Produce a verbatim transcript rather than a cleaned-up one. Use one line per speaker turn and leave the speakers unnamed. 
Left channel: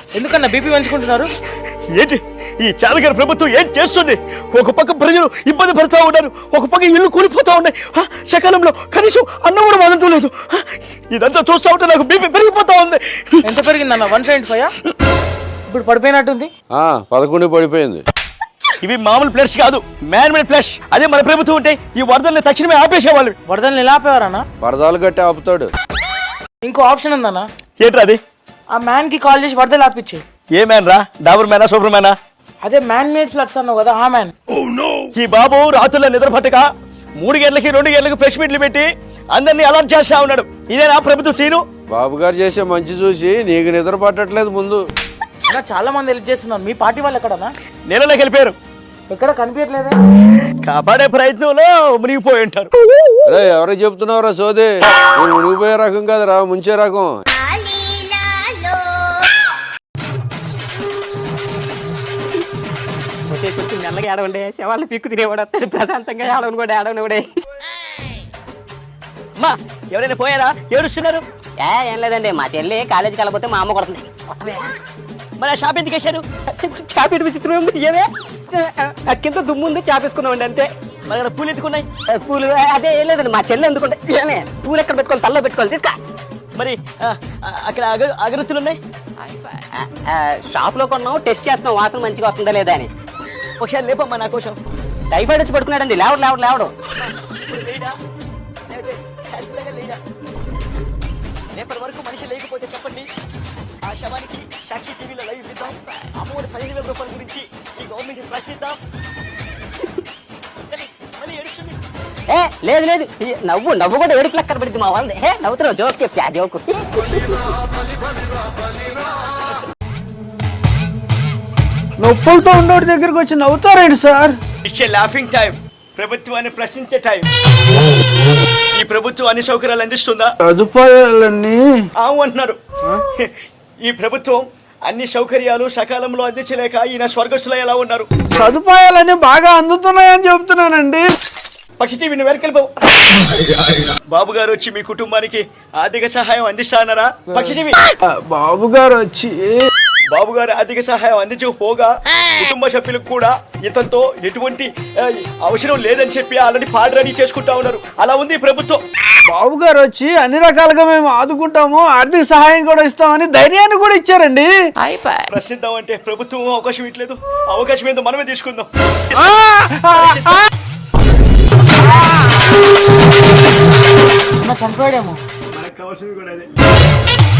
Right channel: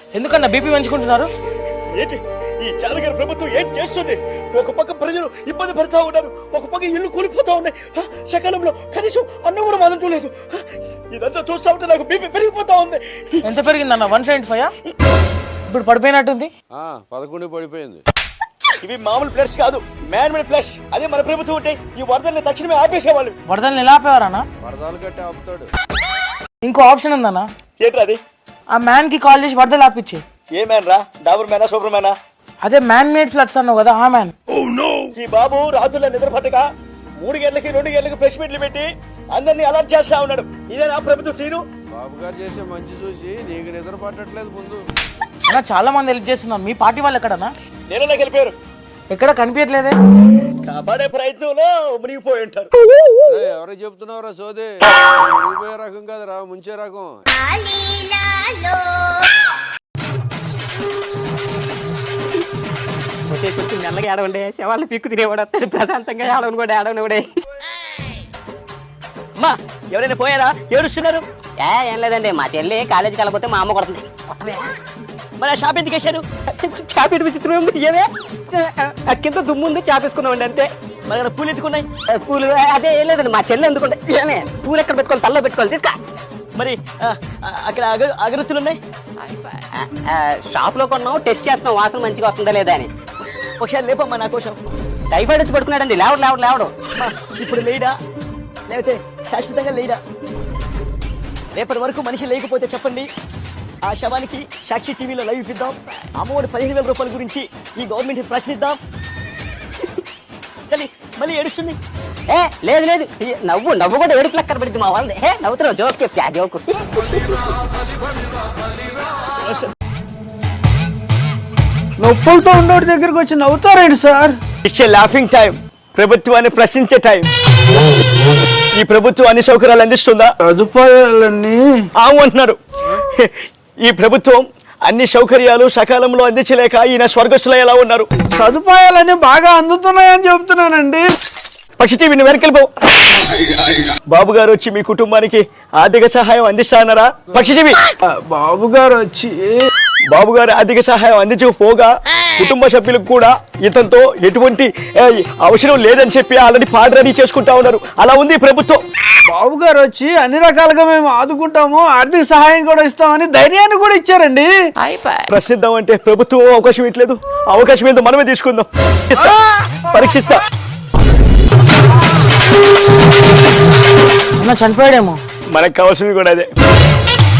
ఎందుకన్నా బీపీ పెంచుకుంటున్నారు?
ఏంటి ఈ చాలగారి ప్రభుత్వం ఏం చేస్తుంది? ఒక పక్క ప్రజలు ఇబ్బంది పడుతూ ఉన్నారు, ఒక పక్క ఇల్లు కూలిపోతా ఉన్నాయి. సకాలంలో కనీసం అన్నం కూడా వదలటం లేదు. ఇదంతా చూస్తా ఉంటే నాకు బీపీ పెరిగిపోతా ఉంది.
ఎంత పెరిగిందన్న? వన్ సెవెంటీ ఫైవ్ ఇప్పుడు పడిపోయినట్టుంది.
పదకొండు పడిపోయింది.
ఇవి మామూలు ఫ్లష్ కాదు, మ్యాన్ మేడ్ ఫ్లష్. అదే మన ప్రభుత్వం ఉంటే ఈ వరదల్ని తక్షణమే ఆపేసేవాళ్ళు.
వరదల్ని ఎలా ఆపేవారన్నా?
వరదలు కట్టి ఆపుతాడు.
ఇంకో ఆప్షన్ ఉందన్నా.
ఏంట్రా అది?
ఆ మ్యాన్ కి కాల్ చేసి వరదలు ఆపిచ్చు.
ఏ మ్యాన్ రా? డాబర్ మ్యానా, సూపర్ మ్యానా?
అదే మ్యాన్ మేడ్ ఫ్లడ్స్ అన్నావు కదా, ఆ మ్యాన్.
ఈ బాబు రాత్రుల్లో నిద్ర పట్టక మూడు గంటలకి రెండు గంటలకు ప్రెస్ మీట్లు పెట్టి అందరినీ అలర్ట్ చేస్తా ఉన్నాడు. ఇదే నా ప్రభుత్వం చేయను.
బాబు గారు చేసే మంచి చూసి నీకు నిద్ర పట్టట్లేదు. ముందు
చాలా మంది హెల్ప్ చేస్తున్నారు. మీ పార్టీ వాళ్ళు ఎక్కడన్నా?
నీళ్ళలోకి వెళ్ళిపోయారు.
ఎక్కడ కనిపించట్లేదే.
కాపాడే ప్రయత్నంలో మునిగిపోయి ఉంటారు.
ఎవరికి చెప్తున్నావురా సోదే? మునిగిపోయే రకం కాదురా, ముంచే రకం.
కొంచెం మెల్లగా ఏడవండి, శవాళ్ళు పిక్కు తినేవాడు వస్తాడు. ప్రశాంతంగా ఏడవను కూడా ఏడవను కూడా.
అమ్మా ఎవరైనా పోయారా? ఏడుస్తున్నారు.
ఏ ఏం లేదండి, మా చెల్లి కాలేజీకి వెళ్ళకపోతే మా అమ్మ కొడుతుంది.
మరి షాప్ ఎందుకు వేశారు?
చాపేటి విచిత్రం ఉంది. ఏమే కింద దుమ్ము ఉంది, చాపేసుకున్నామండి అంతే.
మరి అక్కడ పూలు ఎత్తుకున్నాయి.
పూలు అదే ఏం లేదండి, మా చెల్లి ఎందుకుంటే ఏమే పూలు ఎక్కడ పెట్టుకోవాలి? తల్లో పెట్టుకోవాలి. తీసుకా.
మరి అక్కడ అగ అగరత్తులు ఉన్నాయి.
షాప్ లో కొన్నాం, టెస్ట్ చేస్తున్నాం వాసన మంచిగా వస్తుందా లేదా అని.
ఒకసారి లేపమ్మా నా కోసం.
టైఫాయిడ్ వచ్చి పడుకున్నాడండి. లేవడు లేవడు లేవడు.
ఇప్పుడు లేడా లేకపోతే శాశ్వతంగా లేడా? రేపటి వరకు మనిషి లేకపోతే చెప్పండి, ఆ శవానికి సాక్షి టీవీలో లైవ్ ఇద్దాం. అమ్మఒడి పదిహేను వేల రూపాయల గురించి ఈ గవర్నమెంట్ ప్రశ్నిద్దాం. చలి మళ్ళీ ఏడుస్తుంది.
ఏ లేదు లేదు, నవ్వు నవ్వు కూడా ఏడుపు లెక్కన పడింది మా వాళ్ళది. ఏ నవ్వుతున్నావు, జోక్ చెప్తే ఆ జోకు.
నొప్పులతో ఉండేటి దగ్గరికి వచ్చి నవ్వుతారేంటి sir?
It's a laughing time. ప్రభుత్వాన్ని ప్రశ్నించే టైం. ఈ ప్రభుత్వం అన్ని సౌకర్యాలు అందిస్తుందా?
సదుపాయాలన్నీ
ఆవు అంటున్నారు. ఈ ప్రభుత్వం అన్ని సౌకర్యాలు సకాలంలో అందించలేక ఈయన స్వర్గస్థులు ఎలా ఉన్నారు?
సదుపాయాలన్నీ బాగా అందుతున్నాయని చెప్తున్నానండి.
పక్షి టీవీని వెనకెళ్ళిపో. బాబు గారు వచ్చి మీ కుటుంబానికి ఆర్థిక సహాయం అందిస్తారన్నారా? పక్షి టీవీ
బాబు గారు వచ్చి
బాబు గారు ఆర్థిక సహాయం అందించకపోగా కుటుంబ సభ్యులకు కూడా ఇతనితో ఎటువంటి అవసరం లేదని చెప్పి ఆల్రెడీ పాట రెడీ చేసుకుంటా ఉన్నారు. అలా ఉంది ప్రభుత్వం.
బాబు గారు వచ్చి అన్ని రకాలుగా మేము ఆదుకుంటాము, ఆర్థిక సహాయం కూడా ఇస్తామని ధైర్యాన్ని కూడా ఇచ్చారండి.
ప్రసిద్ధం అంటే ప్రభుత్వం అవకాశం ఇట్లేదు. అవకాశం ఏంటో మనమే తీసుకుందాం. పరీక్షిస్తాం.
చనిపోయాడేమో.
మనకు కావాల్సింది కూడా అదే.